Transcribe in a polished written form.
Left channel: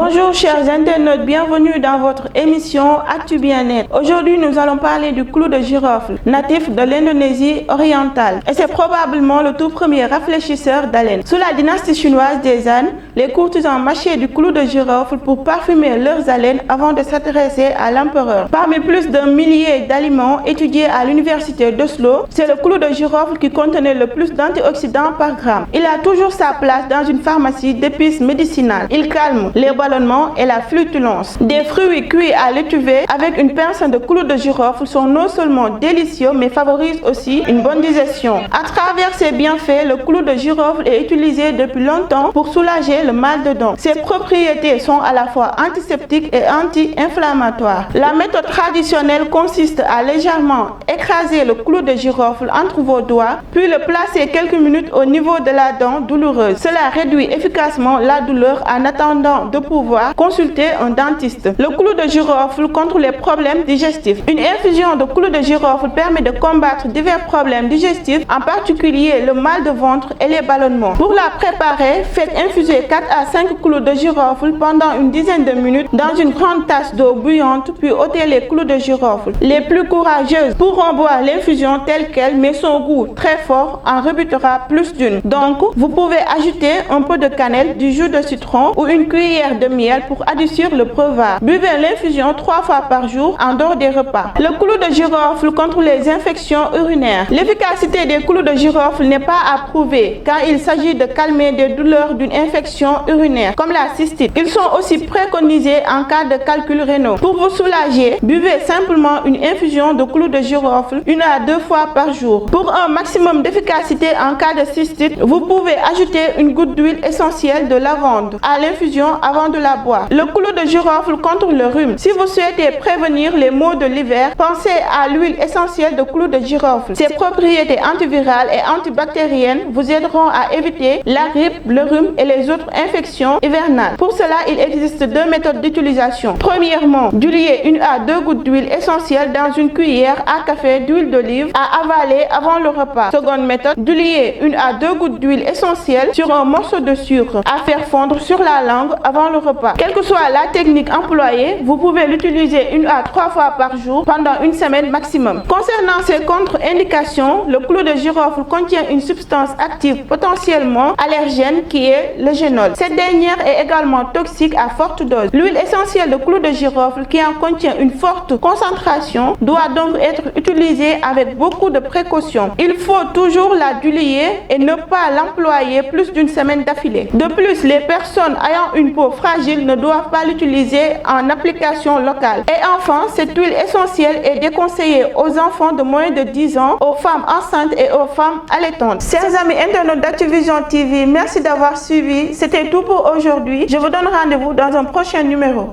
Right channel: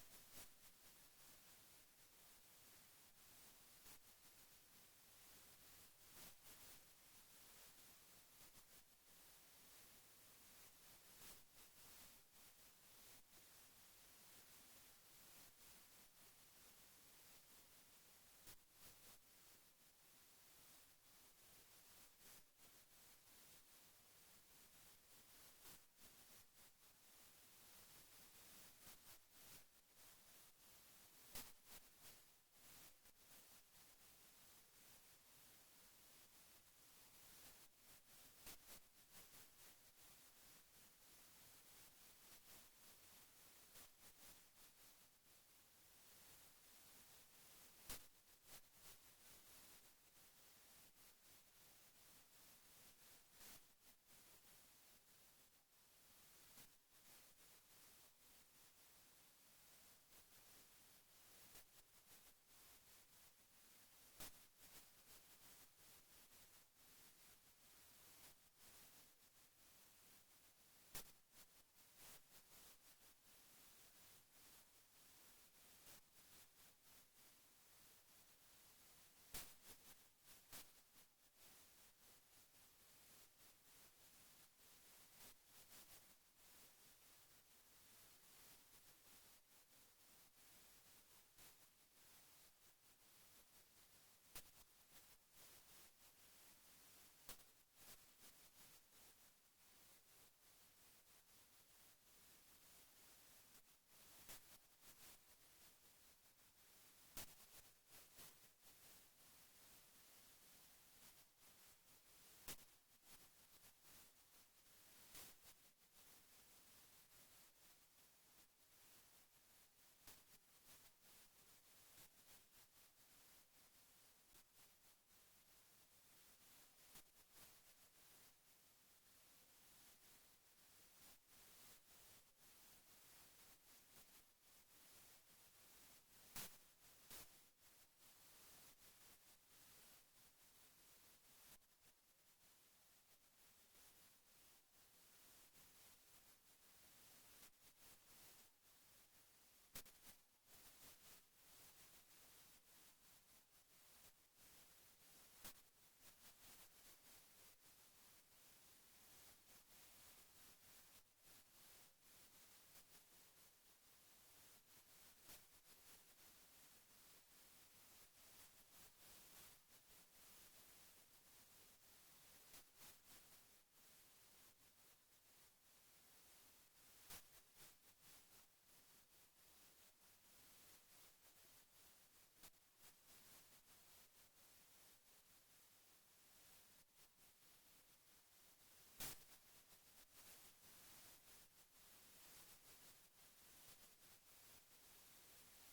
Bonjour chers internautes, bienvenue dans votre émission Actu Bien-être. Aujourd'hui, nous allons parler du clou de girofle, natif de l'Indonésie orientale. Et c'est probablement le tout premier rafraîchisseur d'haleine. Sous la dynastie chinoise des Han, les courtisans mâchaient du clou de girofle pour parfumer leurs haleines avant de s'adresser à l'empereur. Parmi plus d'un millier d'aliments étudiés à l'université d'Oslo, c'est le clou de girofle qui contenait le plus d'antioxydants par gramme. Il a toujours sa place dans une pharmacie d'épices médicinales. Il calme les ballonnements et la flatulence. Des fruits cuits à l'étuvée avec une pince de clou de girofle sont non seulement délicieux mais favorisent aussi une bonne digestion. À travers ses bienfaits, le clou de girofle est utilisé depuis longtemps pour soulager le mal de dents. Ses propriétés sont à la fois antiseptiques et anti-inflammatoires. La méthode traditionnelle consiste à légèrement écraser le clou de girofle entre vos doigts, puis le placer quelques minutes au niveau de la dent douloureuse. Cela réduit efficacement la douleur en attendant de pouvoir consulter un dentiste. Le clou de girofle contre les problèmes digestifs. Une infusion de clou de girofle permet de combattre divers problèmes digestifs, en particulier le mal de ventre et les ballonnements. Pour la préparer, faites infuser 4 à 5 clous de girofle pendant une dizaine de minutes dans une grande tasse d'eau bouillante, puis ôtez les clous de girofle. Les plus courageuses pourront boire l'infusion telle qu'elle, mais son goût très fort en rebutera plus d'une. Donc, vous pouvez ajouter un peu de cannelle, du jus de citron ou une cuillère de miel pour adoucir le breuvage. Buvez l'infusion 3 fois par jour en dehors des repas. Le clou de girofle contre les infections urinaires. L'efficacité des clous de girofle n'est pas à prouver car il s'agit de calmer des douleurs d'une infection urinaire comme la cystite. Ils sont aussi préconisés en cas de calculs rénaux. Pour vous soulager, buvez simplement une infusion de clou de girofle 1 à 2 fois par jour. Pour un maximum d'efficacité en cas de cystite, vous pouvez ajouter une goutte d'huile essentielle de lavande à l'infusion avant de la boire. Le clou de girofle contre le rhume. Si vous souhaitez prévenir les maux de l'hiver, pensez à l'huile essentielle de clou de girofle. Ses propriétés antivirales et antibactériennes vous aideront à éviter la grippe, le rhume et les autres infections hivernales. Pour cela, il existe 2 méthodes d'utilisation. Premièrement, diluer 1 à 2 gouttes d'huile essentielle dans une cuillère à café d'huile d'olive à avaler avant le repas. Seconde méthode, diluer 1 à 2 gouttes d'huile essentielle sur un morceau de sucre à faire fondre sur la langue avant le repas. Quelle que soit la technique employée, vous pouvez l'utiliser 1 à 3 fois par jour pendant une semaine maximum. Concernant ses contre-indications, le clou de girofle contient une substance active potentiellement allergène qui est le génol. Cette dernière est également toxique à forte dose. L'huile essentielle de clou de girofle qui en contient une forte concentration doit donc être utilisée avec beaucoup de précaution. Il faut toujours la diluer et ne pas l'employer plus d'une semaine d'affilée. De plus, les personnes ayant une peau fragile ne doivent pas l'utiliser en application locale. Et enfin, cette huile essentielle est déconseillée aux enfants de moins de 10 ans, aux femmes enceintes et aux femmes allaitantes. Chers amis internautes d'Actuvision TV, merci d'avoir suivi. C'était tout pour aujourd'hui. Je vous donne rendez-vous dans un prochain numéro.